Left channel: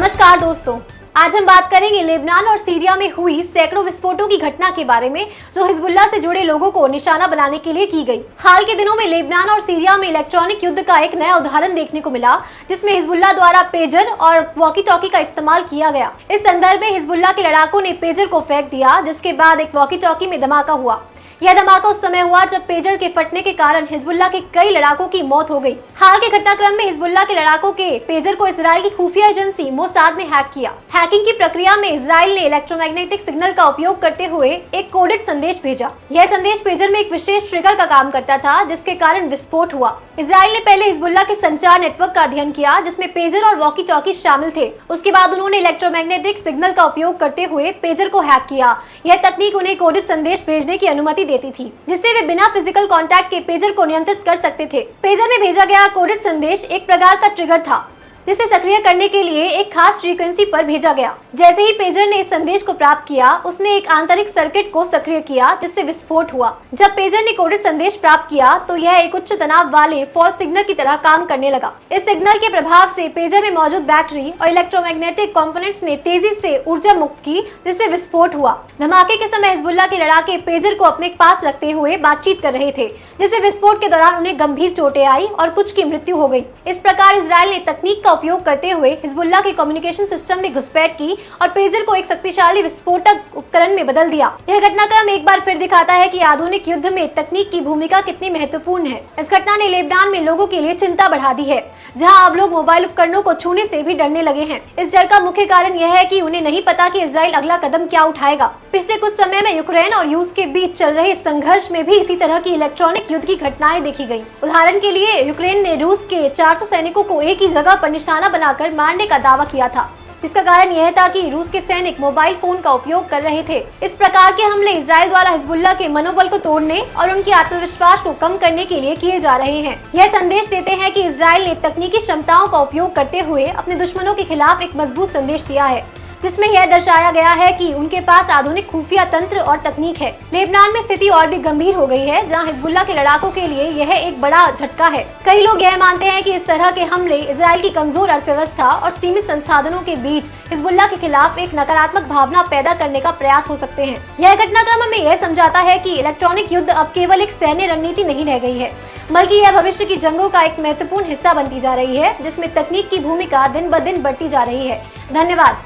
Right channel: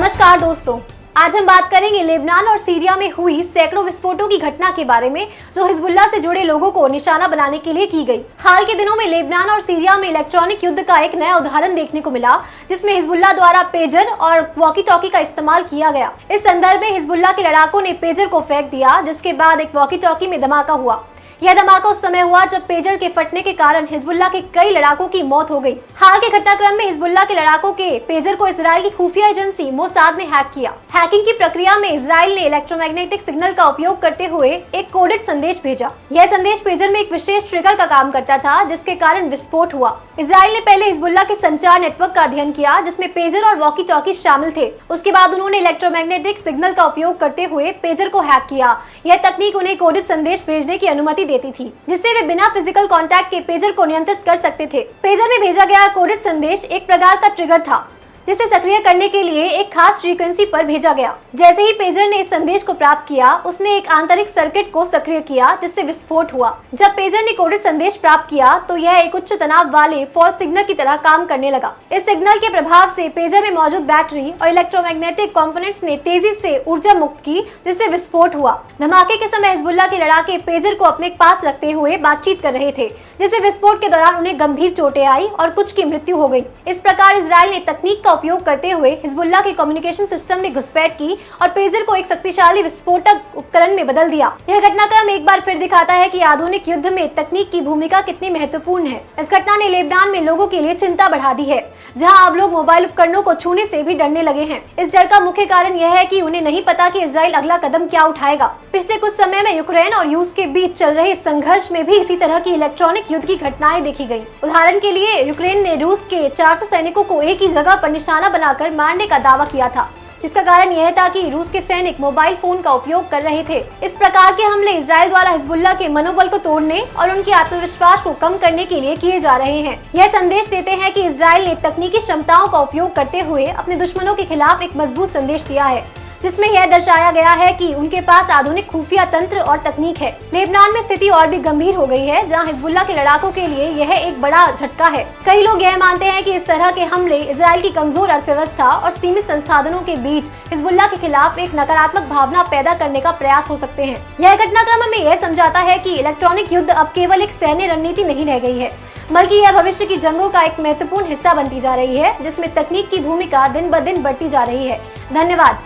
नमस्कार दोस्तों, आज हम बात करेंगे लेबनान और सीरिया में हुई सैकड़ों विस्फोटों की घटना के बारे में जो हिजबुल्लाह से जुड़े लोगों को निशाना बनाने के लिए की गई। हाल के दिनों में लेबनान और सीरिया में इलेक्ट्रॉनिक युद्ध का एक नया उदाहरण देखने को मिला, जिसमें हिजबुल्लाह द्वारा पेजर और वॉकी टॉकी का इस्तेमाल किया गया। इस संदर्भ में हिजबुल्लाह के लड़ाकों ने पेजर को फेंक दिया, जिसके बाद एक वॉकी टॉकी में धमाका हुआ। यह धमाका उस समय हुआ जब पेजर के फटने के कारण हिजबुल्लाह के कई लड़ाकों की मौत हो गई। हाल के घटनाक्रम में हिजबुल्लाह के लड़ाकों के पेजर को इजराइल की खुफिया एजेंसी मोसाद ने हैक किया। हैकिंग की प्रक्रिया में इजराइल ने इलेक्ट्रोमैग्नेटिक सिग्नल का उपयोग करते हुए एक कोडेड संदेश भेजा। यह संदेश पेजर में एक विशेष ट्रिगर का काम करता था, जिसके कारण विस्फोट हुआ। इजराइल ने पहले हिजबुल्लाह के संचार नेटवर्क का अध्ययन किया, जिसमें पेजर और वॉकी टॉकी शामिल थे। उसके बाद उन्होंने इलेक्ट्रोमैग्नेटिक सिग्नल का उपयोग करते हुए पेजर को हैक किया। यह तकनीक उन्हें कोडेड संदेश भेजने की अनुमति देती थी, जिससे वे बिना फिजिकल कांटेक्ट के पेजर को नियंत्रित कर सकते थे। पेजर में भेजा गया कोडेड संदेश एक प्रकार का ट्रिगर था, जिसे सक्रिय करने के लिए एक खास फ्रीक्वेंसी पर भेजा गया। जैसे ही पेजर ने इस संदेश को प्राप्त किया, उसने एक आंतरिक सर्किट को सक्रिय किया, जिससे विस्फोट हुआ। जब पेजर ने कोडेड संदेश प्राप्त किया तो यह एक उच्च तनाव वाले फॉल्ट सिग्नल की तरह काम करने लगा। इस सिग्नल के प्रभाव से पेजर में मौजूद बैटरी और इलेक्ट्रोमैग्नेटिक कंपोनेंट्स ने तेजी से ऊर्जा मुक्त की, जिससे विस्फोट हुआ। धमाके के समय हिजबुल्लाह के लड़ाके पेजर को अपने पास रखते हुए बातचीत कर रहे थे, जिससे विस्फोट के दौरान उन्हें गंभीर चोटें आई और कुछ की मृत्यु हो गई। इस प्रकार इजराइल ने तकनीक का उपयोग करते हुए हिजबुल्लाह के कम्युनिकेशन सिस्टम में घुसपैठ की और पेजर को एक शक्तिशाली विस्फोटक उपकरण में बदल दिया। यह घटनाक्रम एक बार फिर दिखाता है कि आधुनिक युद्ध में तकनीक की भूमिका कितनी महत्वपूर्ण है। इस घटना ने लेबनान में लोगों के लिए चिंता बढ़ा दी है, जहां अब लोग मोबाइल उपकरणों को छूने से भी डरने लगे हैं। इस डर का मुख्य कारण यह है कि उन्हें नहीं पता कि इजराइल अगला कदम क्या उठाएगा। पिछले कुछ समय में यूक्रेन और रूस के बीच चल रहे संघर्ष में भी इसी तरह की इलेक्ट्रॉनिक युद्ध की घटनाएं देखी गयी। उदाहरण के लिए यूक्रेन ने रूस के 400 सैनिकों को एक ही जगह पर निशाना बनाकर मारने का दावा किया था, जिसका कारण यह था कि रूस के सैनिक मोबाइल फोन का उपयोग कर रहे थे। इस प्रकार के हमले इजराइल द्वारा हिजबुल्लाह के मनोबल को तोड़ने और उनके आत्मविश्वास को कम करने के लिए किए जा रहे हैं। यह संदेश देते हैं कि इजराइल ने तकनीकी क्षमताओं का उपयोग करते हुए अपने दुश्मनों के खिलाफ एक मजबूत संदेश दिया है, जिसमें यह दर्शाया गया है कि उनके पास आधुनिक खुफिया तंत्र और तकनीक है। लेबनान में स्थिति और भी गंभीर हो गई है, जहां हिजबुल्लाह के लड़ाकों के लिए यह एक बड़ा झटका है। कई लोग यह मानते हैं कि इस तरह के हमले इजराइल की कमजोर अर्थव्यवस्था और सीमित संसाधनों के बीच हिजबुल्लाह के खिलाफ एक नकारात्मक भावना पैदा करने का प्रयास हो सकते हैं। यह घटनाक्रम में यह समझाता है कि इलेक्ट्रॉनिक युद्ध अब केवल एक सैन्य रणनीति नहीं रह गई है, बल्कि यह भविष्य की जंगों का एक महत्वपूर्ण हिस्सा बनती जा रही है, जिसमें तकनीक की भूमिका दिन ब दिन बढ़ती जा रही है। धन्यवाद।